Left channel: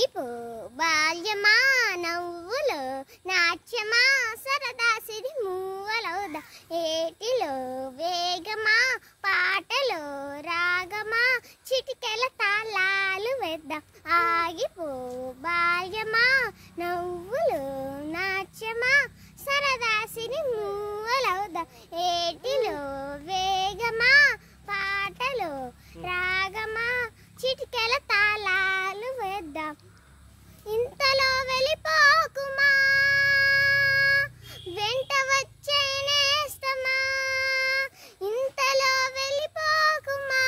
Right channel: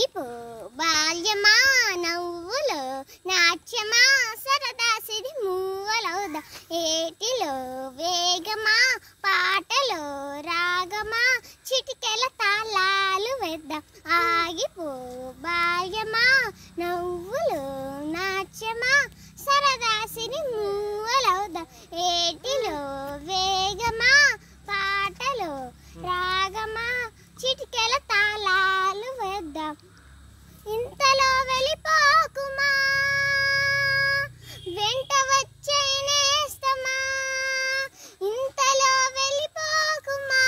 ఆగిపో బాల్యమా నవ్వులో నాట్యమా సరదా సిరి మూవలవుదా ఏటిలో వేగమా పాటలో రాగమా చిటికెల తాళాలు వేద్దాం ఆగిపో బాల్యమా నవ్వులో నాట్యమా సరదా సిరి మూవలవుదా ఏటిలో వేగమా పాటలో రాగమా చిటికెల తాళాలు వేద్దాం ఇంతలో వెళ్ళిపోకుమా వెంట వచ్చే నేస్తమా ఇంతలో వెళ్ళిపోకుమా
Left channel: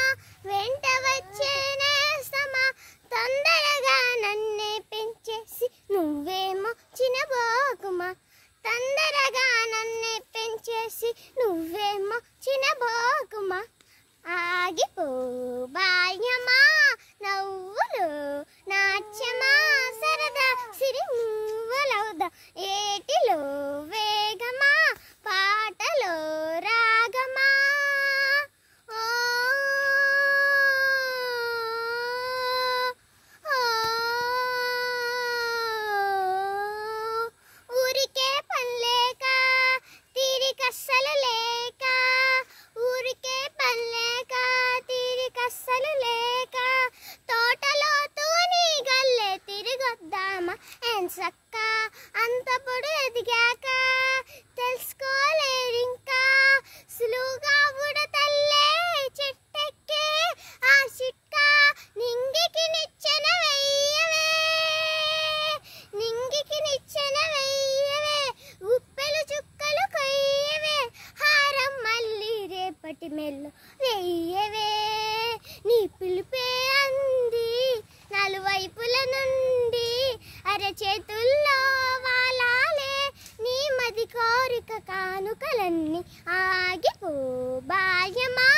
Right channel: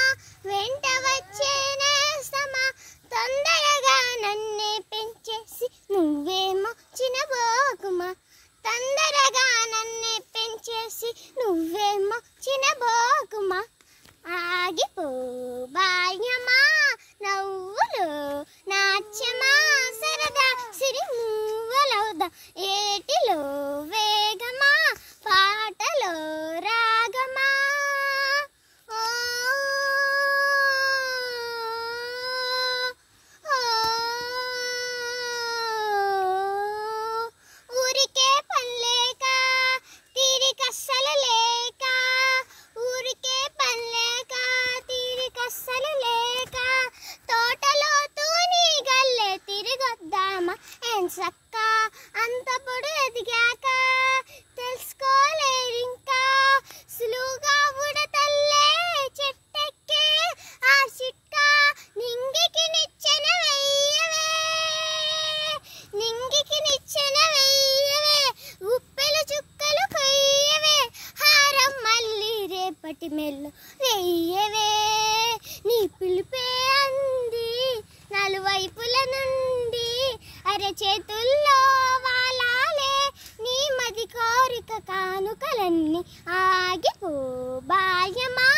వెంట వచ్చే నేస్తమా తొందరగా నన్నే పెంచేసి నువ్వేమో చినబోకుమా తొందరగా నన్నే పెంచేసి నువ్వేమో చినబోకుమా ఆగిపో బాల్యమా నవ్వులు నాట్యమా సరదా సిరి మూవలవుదా ఏటిలో వేగమా పాటలో రాగమా ఊరికే పనిలేక తీరికస్సలు లేక ఊరికే పనిలేక తీరికస్సలు లేక తోటలో తూని గల్లే తిరిగొద్దామా ఎంచక్క అంత పొడు ఎదిగాక తెలుసుకోలేరింకా సులువుగా ఉడతల్లే చెట్టెక్కే ఆ చిట్కా నింగికి నిచ్చెన వెయ్యవే నింగికి నిచ్చెన వెయ్యవే ఉప్పెలు చుక్కలు కొయ్యవే హారం మళ్ళీ రేపటి మెల్లు వెయ్యవే నీ పిలిపే అంది నలువైపుల నుండి అరచేతుల్లో వాలాలే నీ మది కోరిక కానుకలన్నీ ఆగిపో బాల్యమా